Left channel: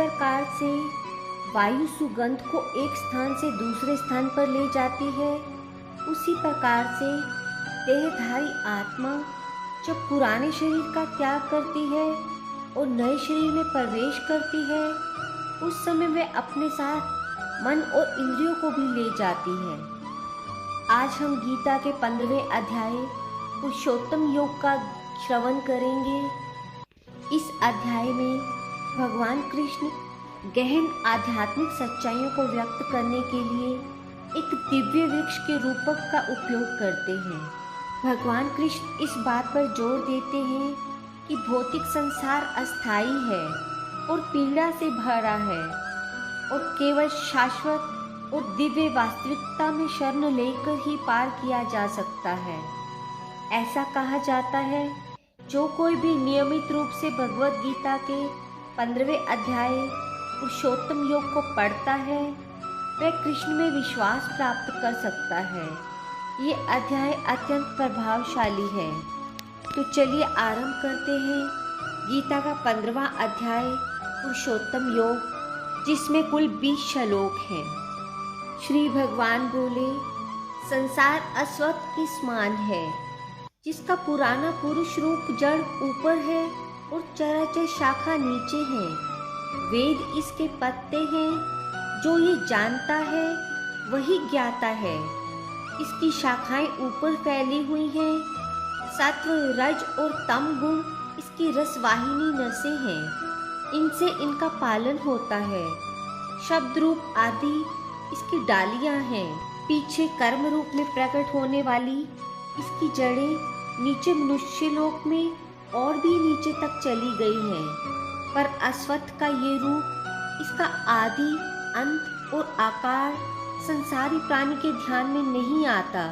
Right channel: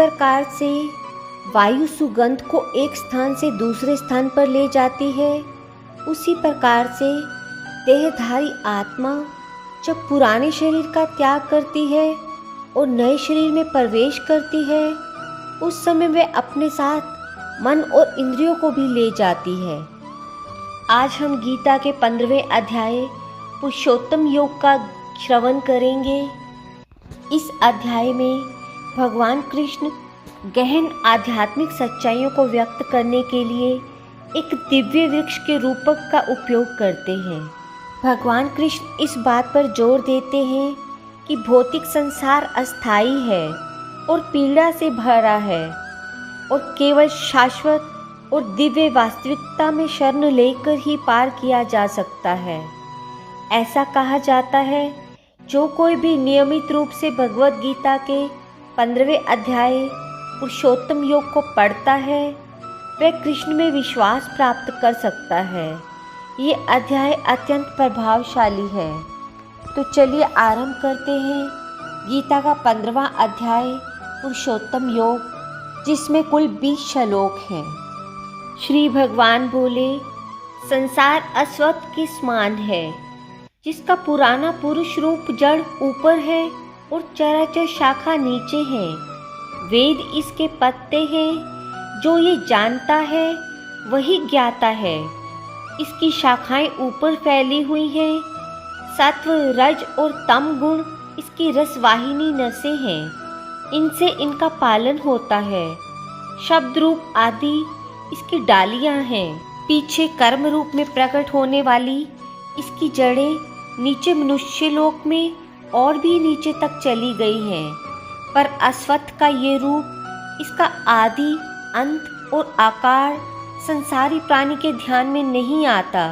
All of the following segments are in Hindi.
प्रकार से वायु सुगंध को एक स्थान से दूसरे स्थान पर ले जाती है, उसी प्रकार से देहधारी आत्मा जब पुराने शरीर का त्याग करती है और नए शरीर में प्रवेश करती है, उस समय वह अपने साथ मन और इंद्रियों को भी ले जाती है। आज हम गीता के 15वें अध्याय पुरुषोत्तम योग का श्रवण करेंगे। इस अध्याय में भगवान कृष्ण गहन आध्यात्मिक सच्चाइयों को व्यक्त करने के लिए एक दिव्य वृक्ष के रूपक का उपयोग करते हैं। भगवान कृष्ण इस बात पर जोर देते हैं कि भौतिक संसार अस्थायी है और पीड़ा से भरा है और केवल शाश्वत और दिव्य वास्तविकता में शरण लेकर ही पार किया जा सकता है। ऐसा कहा जाता है, जो कोई भी नियमित रूप से भगवत गीता के 15वें अध्याय पुरुषोत्तम योग को पढ़ता है, वह कृष्ण में विश्वास प्राप्त कर सकता है। ये अध्याय अत्यंत प्रभावशाली है। तो चलिए आरंभ करते हैं गीता का 15वां अध्याय पुरुषोत्तम योग, जिसमें कुल 20 श्लोक हैं। श्री भगवान बोले, संसार अश्वत्थ के समान है, जिसका पुराना पुरुष रूप जड़ ऊपर है और चराचर शाखा नीचे है। वेद इसके पत्ते हैं, जो ये जानता है वही ज्ञाता है। इसकी शाखाएं ऊपर फैली हुई हैं। सत्व, रज और तम गुण इसकी रसवाहिनी नसें हैं, इनसे इनका पालन होता है। शब्द रूप आदि इसकी डालियां हैं। पीछे कर्म रूप में प्रकट होने वाली इसकी जड़ें नीचे मनुष्य लोक में और भी नीचे तक चली गई हैं। पर अश्वत्थ का ये रूप, इसका आदि, अंत और आकार संसारी प्राणी के ध्यान में नहीं आता,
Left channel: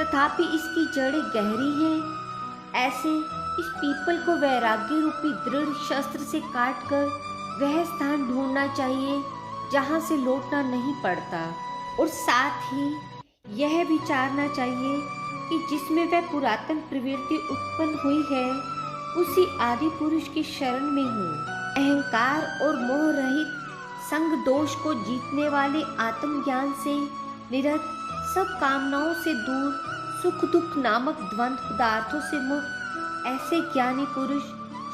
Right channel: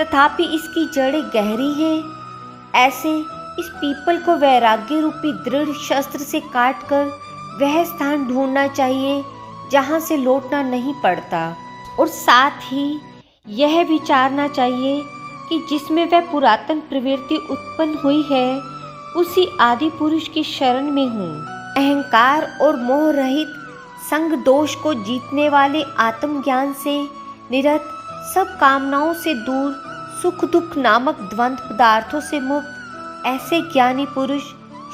तथापि इसकी जड़ें गहरी हैं। ऐसे इस पीपल को वैराग्य रूपी दृढ़ शस्त्र से काटकर वह स्थान ढूंढना चाहिए जहाँ से लौटना नहीं पड़ता, और साथ ही यह विचारना चाहिए कि जिसमें वह पुरातन प्रवृत्ति उत्पन्न हुई है, उसी आदि पुरुष की शरण में हूँ। अहंकार और मोह रहित संग दोष को जीतने वाले आत्मज्ञान से निरत, सब कामनाओं से दूर, सुख दुख नामक द्वंद्व पदार्थों से मुक्त ऐसे ज्ञानी पुरुष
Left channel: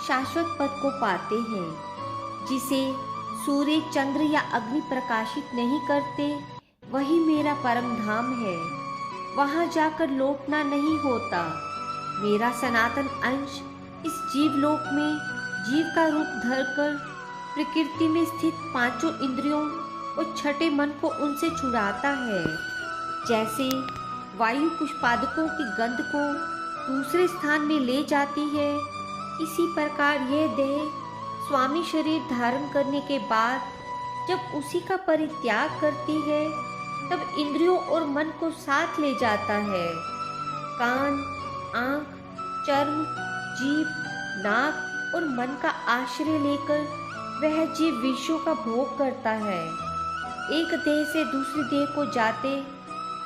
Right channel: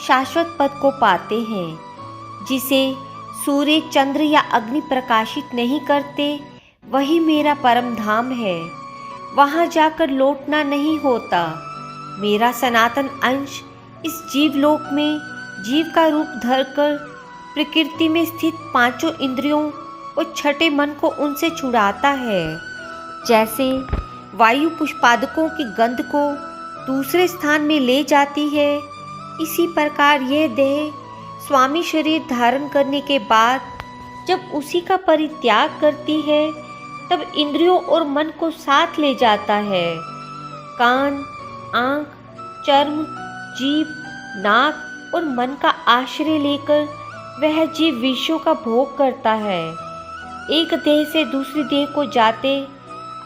शाश्वत पद को पाते हैं। जिसे सूर्य, चंद्र या अग्नि प्रकाशित नहीं करते, वही मेरा परम धाम है। वहाँ जाकर लौटना नहीं होता। मेरा सनातन अंश इस जीवलोक में जीव का रूप धरकर प्रकृति में स्थित पांचों इंद्रियों और छठे मन को उनसे छुड़ाता है। जैसे वायु पुष्पादकों की गंध को दूसरे स्थान में ले जाती है, इसी प्रकार यह देह स्वामी शरीर धारण करने के बाद जब उसी का परित्याग करती है, तब इंद्रियों और मन को साथ ले जाता है। कान, आँख, चर्म, जीभ, नाक और मन का आश्रय लेकर वह जीव विषयों का भोग करता है। एक देह से दूसरी देह को जाते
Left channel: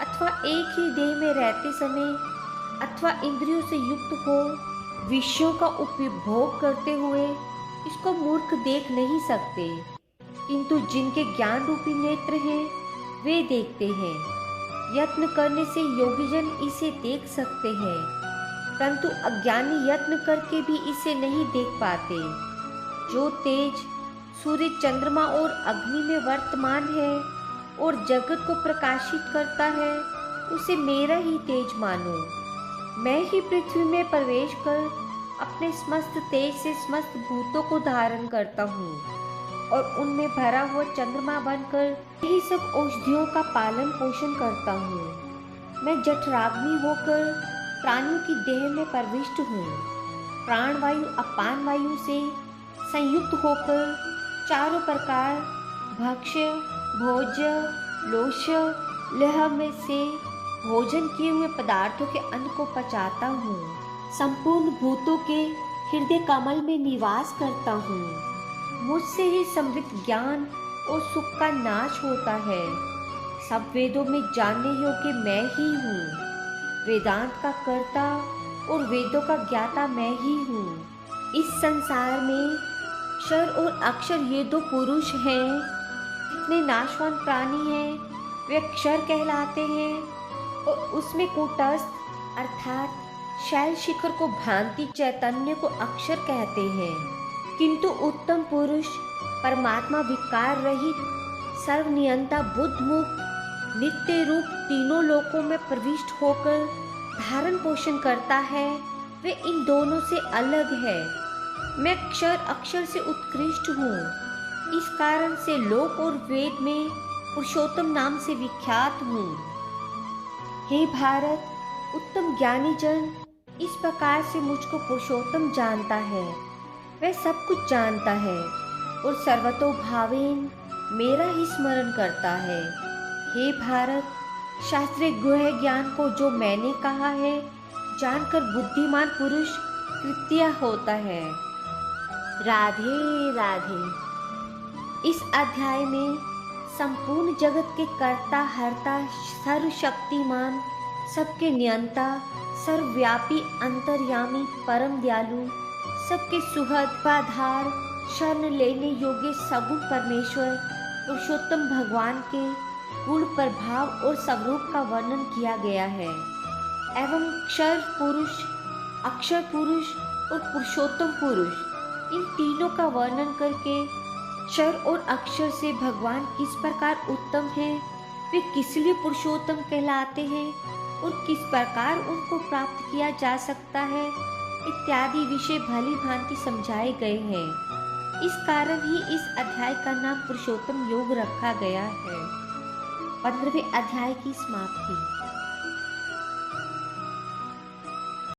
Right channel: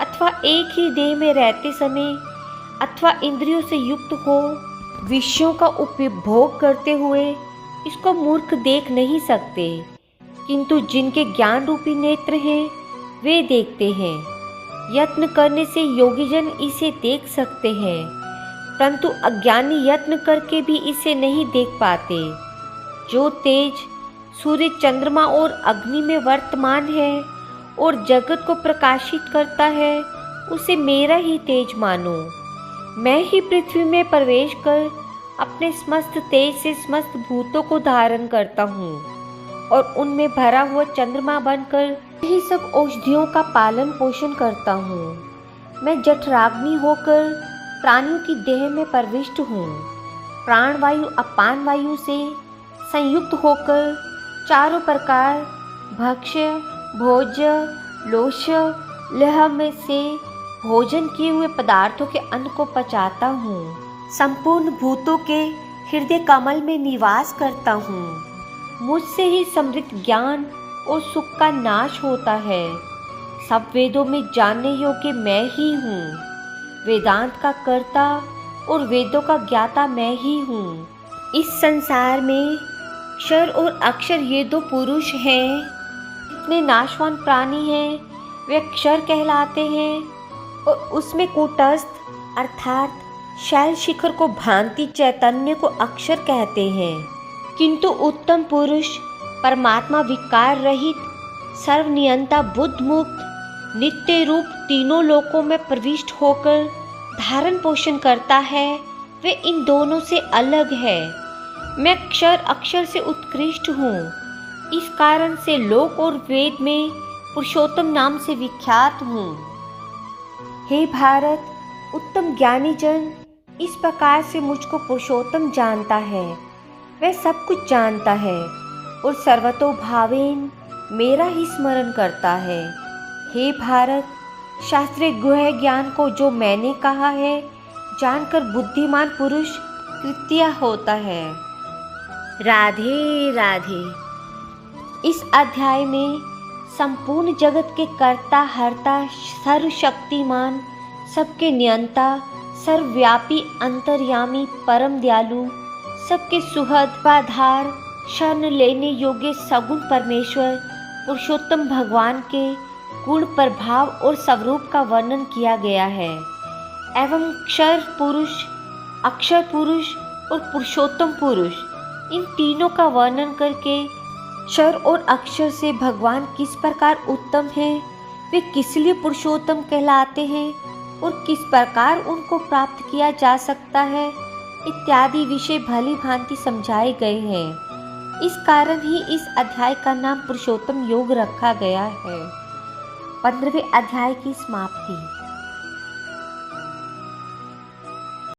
अथवा एक ही देह में रहते समय अथवा इंद्रियों से युक्त हो विषयों का उपभोग करते हुए इसको मूर्ख देख नहीं सकते, किंतु जिनके ज्ञान रूपी नेत्र हैं वे देखते हैं। यत्न करने से योगीजन इसे देख सकते हैं, परंतु अज्ञानी यत्न करके भी इसे नहीं देख पाते। जो तेज सूर्य, चंद्रमा और अग्नि में वर्तमान है और जगत को प्रकाशित करता है, उसे मेरा ही तेज मानो। मैं ही पृथ्वी में प्रवेश कर अपने समस्त तेज से समस्त भूतों को धारण करता हूँ और उनमें भरा हुआ चंद्रमा बनकर ही सब औषधियों का पालन पोषण करता हूँ। मैं जठराग्नि होकर प्राणियों की देह में प्रविष्ट हूँ। प्राणवायु अपान वायु से संयुक्त होकर चारों प्रकार भक्ष्य, भोज्य, लोष्य, लह में से भोजन किए हुए पदार्थों के अन्न को पचाता हूँ। संपूर्ण भूतों के हृदय कमल में निवास करता हूँ। मुझसे ही समृद्ध ज्ञान और सुख का नाश होता है। सब वेदों में जानने योग्य मैं ही हूँ। वेदांत का कर्ता और वेदों का ज्ञाता मैं ही हूँ। इस संसार में क्षर और अक्षर ये दो पुरुष हैं। जितने नाशवान प्राणी हैं वे क्षर कहलाते हैं और उसमें कूटस्थ अर्थात शैल शिखर को भांति चैतन्य को अक्षर कहते हैं। किंतु उत्तम पुरुष परमात्मा विकार रहित सर्वनियंता बुद्ध मुक्त नित्य रूप तीनों लोकों में प्रविष्ट होकर धारण पोषण करता है, वे इन दोनों से अलग है। मैं क्षर अक्षर से उत्कृष्ट हूँ। इस कारण से लोक और वेद में पुरुषोत्तम नाम से विख्यात हूँ। हे भारत, उत्तम ज्ञानी जन इस प्रकार से मुझको पुरुषोत्तम जानता है। वह सब कुछ जानता है और सर्वतोभावेन मेरा ही स्मरण करता है। हे भारत, शास्त्रीय गुह्य ज्ञान को जो मैंने कहा है जानकर बुद्धिमान पुरुष कृत्य होता है। राधे राधे। इस अध्याय में संपूर्ण जगत के कर्ता हर्ता सर्वशक्तिमान सबके नियंता सर्वव्यापी अंतर्यामी परम दयालु सबके सुहृद आधार शरण लेने योग्य सगुण परमेश्वर पुरुषोत्तम भगवान के गुण प्रभाव और स्वरूप का वर्णन किया गया है एवं क्षर पुरुष अक्षर पुरुष और पुरुषोत्तम पुरुष इन तीनों का वर्णन करके क्षर और अक्षर से भगवान किस प्रकार उत्तम हैं, वे किस लिए पुरुषोत्तम कहलाते हैं और किस प्रकार उनको प्राप्त किया जा सकता है इत्यादि विषय भली भांति समझाए गए हैं। इस कारण ही इस अध्याय का नाम पुरुषोत्तम योग रखा गया है। 15वें अध्याय की समाप्ति।